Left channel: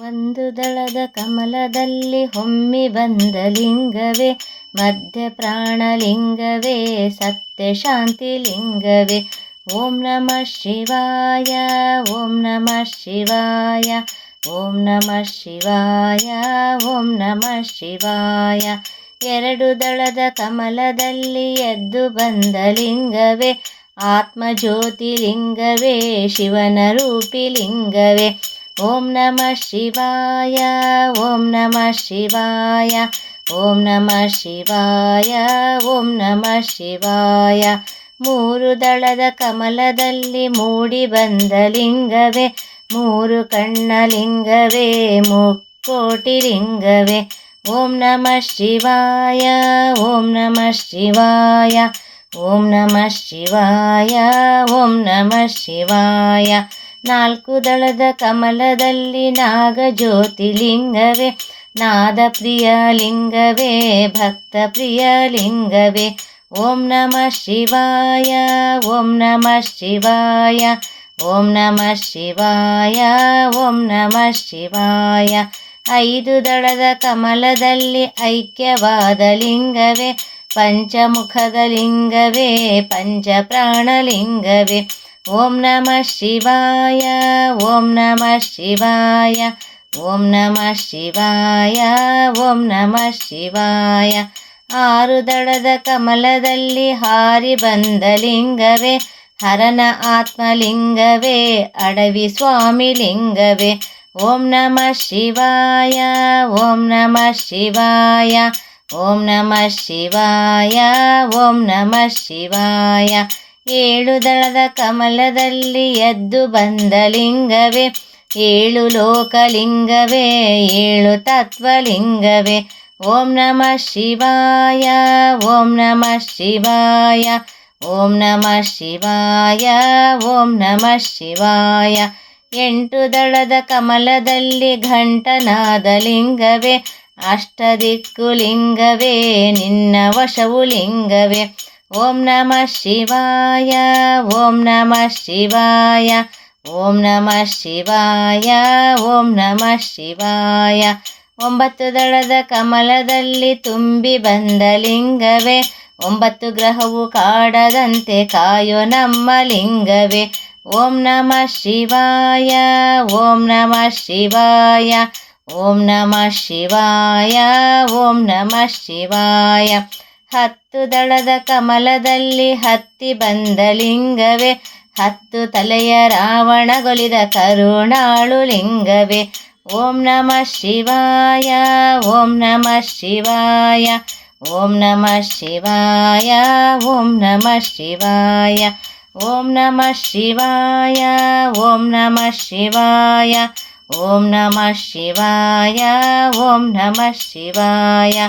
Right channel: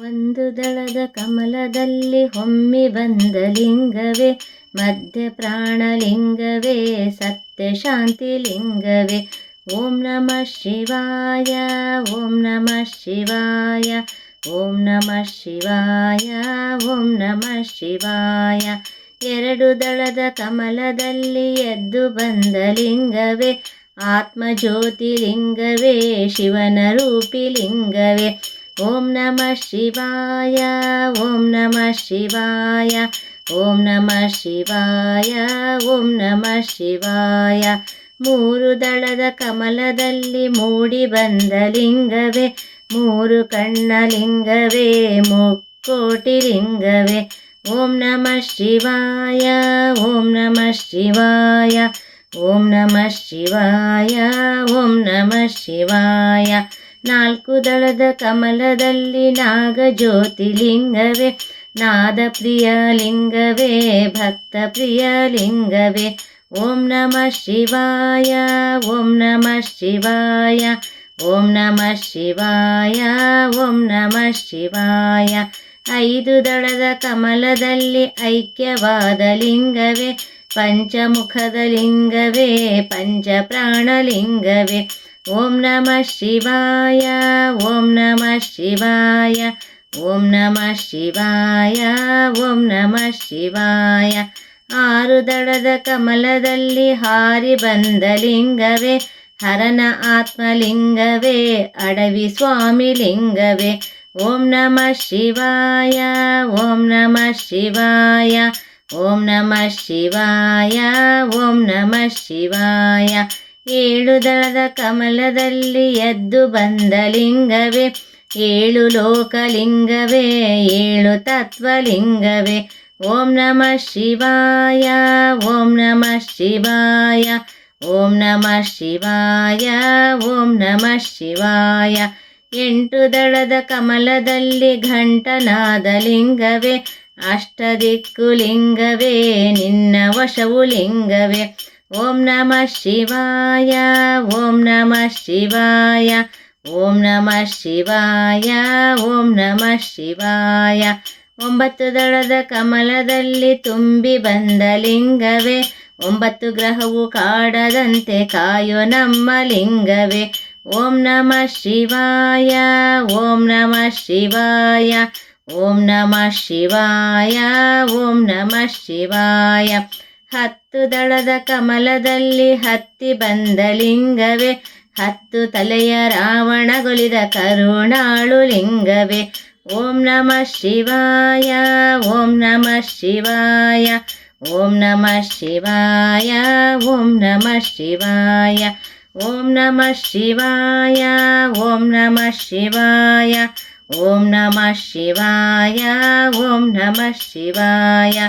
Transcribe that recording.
ಒಂದು ದಳದ ಕಮಲದಲ್ಲಿ ಹೊಮ್ಮಿ ಬಂದ ಲಿಂಗವೇ, ಮಧ್ಯ ಪ್ರಾಣಲಿಂಗವೇ ಸತ್ಯ ಶಾಂತಿ ಲಿಂಗವೇ. ಓಂ ನಮಃ ಶಿವಾಯ, ಓಂ ನಮಃ ಶಿವಾಯ, ಓಂ ನಮಃ ಶಿವಾಯ, ಓಂ ನಮಃ ಶಿವಾಯ. ಎರಡು ದಳದ ಕಮಲದಲ್ಲಿ ಎದ್ದು ಬಂದ ಲಿಂಗವೇ ಆತ್ಮಜ್ಯೋತಿಲಿಂಗವೇ ಶಿವನ ರೂಪಿ ಲಿಂಗವೇ. ಓಂ ನಮಃ ಶಿವಾಯ, ಓಂ ನಮಃ ಶಿವಾಯ, ಓಂ ನಮಃ ಶಿವಾಯ, ಓಂ ನಮಃ ಶಿವಾಯ. ಮೂರು ದಳದ ಕಮಲದಲ್ಲಿ ಮೂಡಿ ಬಂದ ಲಿಂಗವೇ, ಮೂರು ಕಣ್ಣ ಲಿಂಗವೇ, ಮುಕ್ಕೋಟಿ ಲಿಂಗವೇ. ಓಂ ನಮಃ ಶಿವಾಯ, ಓಂ ನಮಃ ಶಿವಾಯ, ಓಂ ನಮಃ ಶಿವಾಯ, ಓಂ ನಮಃ ಶಿವಾಯ. ನಾಲ್ಕು ದಳದ ಕಮಲದಲ್ಲಿ ನಾಗ ಜ್ಯೋತಿಲಿಂಗವೇ ನಾದ ಪ್ರಿಯ ಲಿಂಗವೇ ಭಕ್ತ ಪ್ರಿಯ ಲಿಂಗವೇ ಓಂ ನಮಃ ಶಿವಾಯ, ಓಂ ನಮಃ ಶಿವಾಯ, ಓಂ ನಮಃ ಶಿವಾಯ, ಓಂ ನಮಃ ಶಿವಾಯ. ಐದು ದಳದ ಕಮಲದಲ್ಲಿ ಐಕ್ಯವಾದ ಲಿಂಗವೇ, ಪಂಚಮುಖದ ಲಿಂಗವೇ ಪಂಚ ॐ नमः शिवाय ॐ नमः शिवाय ॐ नमः शिवाय ॐ नमः शिवाय। ಆರುದಳದ ಕಮಲದಲ್ಲಿ ಹಾರಿ ಬಂದ ಲಿಂಗವೇ ಹರನ ಆತ್ಮಲಿಂಗವೇ ಅಡವಿ ಸ್ವಾಮಿ ಲಿಂಗವೇ ಓಂ नम ಶಿವಾಯ ಓಂ नम ಶಿವಾಯ ಓಂ नमः ಶಿವಾಯ ಓಂ नमः ಶಿವಾಯ ಏಳು ದಳದ ಕಮಲದಲ್ಲಿ ಎದ್ದು ಬಂದ ಲಿಂಗವೇ, ಏಳು ಲೋಕಲಿಂಗವೇ, ಏಳು ತತ್ವಲಿಂಗವೇ. ಓಂ ನಮಃ ಶಿವಾಯ, ಓಂ ನಮಃ ಶಿವಾಯ, ಓಂ ನಮಃ ಶಿವಾಯ, ಓಂ ನಮಃ ಶಿವಾಯ. ಎಂಟು ದಳದ ಕಮಲದಲ್ಲಿ ಘಂಟನಾದ ಲಿಂಗವೇ, ಅಷ್ಟದಿಕ್ಕು ಲಿಂಗವೇ, ನಿನ್ನ ವಶವು ಲಿಂಗವೇ. ಓಂ ನಮಃ ಶಿವಾಯ ಓಂ ನಮಃ ಶಿವಾಯ ಓಂ ನಮಃ ಶಿವಾಯ ಓಂ ನಮಃ ಶಿವಾಯ ಒಂಬತ್ತು ದಳದ ಕಮಲದಲ್ಲಿ ತುಂಬಿ ಬಂದ ಲಿಂಗವೇ ಒಂಬತ್ತು ಗ್ರಹವು ಕಾಡದಂತೆ ಕಾಯೋ ನಮ್ಮ ಲಿಂಗವೇ ಓಂ ನಮಃ ಶಿವಾಯ ಓಂ ನಮಃ ಶಿವಾಯ ಓಂ ನಮಃ ಶಿವಾಯ ಓಂ ನಮಃ ಶಿವಾಯ ಹತ್ತು ದಳದ ಕಮಲದಲ್ಲಿ ಹತ್ತಿ ಬಂದ ಲಿಂಗವೇ, ಹತ್ತು ತಲೆಯ ರಾವಣಗೊಳಿದ ಕರುಣಾಳು ಲಿಂಗವೇ. ಓಂ ನಮಃ ಶಿವಾಯ, ಓಂ ನಮಃ ಶಿವಾಯ, ಓಂ ನಮಃ ಶಿವಾಯ, ಓಂ ನಮಃ ಶಿವಾಯ, ಓಂ ನಮಃ ಶಿವಾಯ, ಓಂ ನಮಃ ಶಿವಾಯ, ಓಂ ನಮಃ ಶಿವಾಯ, ಓಂ ನಮಃ ಶಿವಾಯ.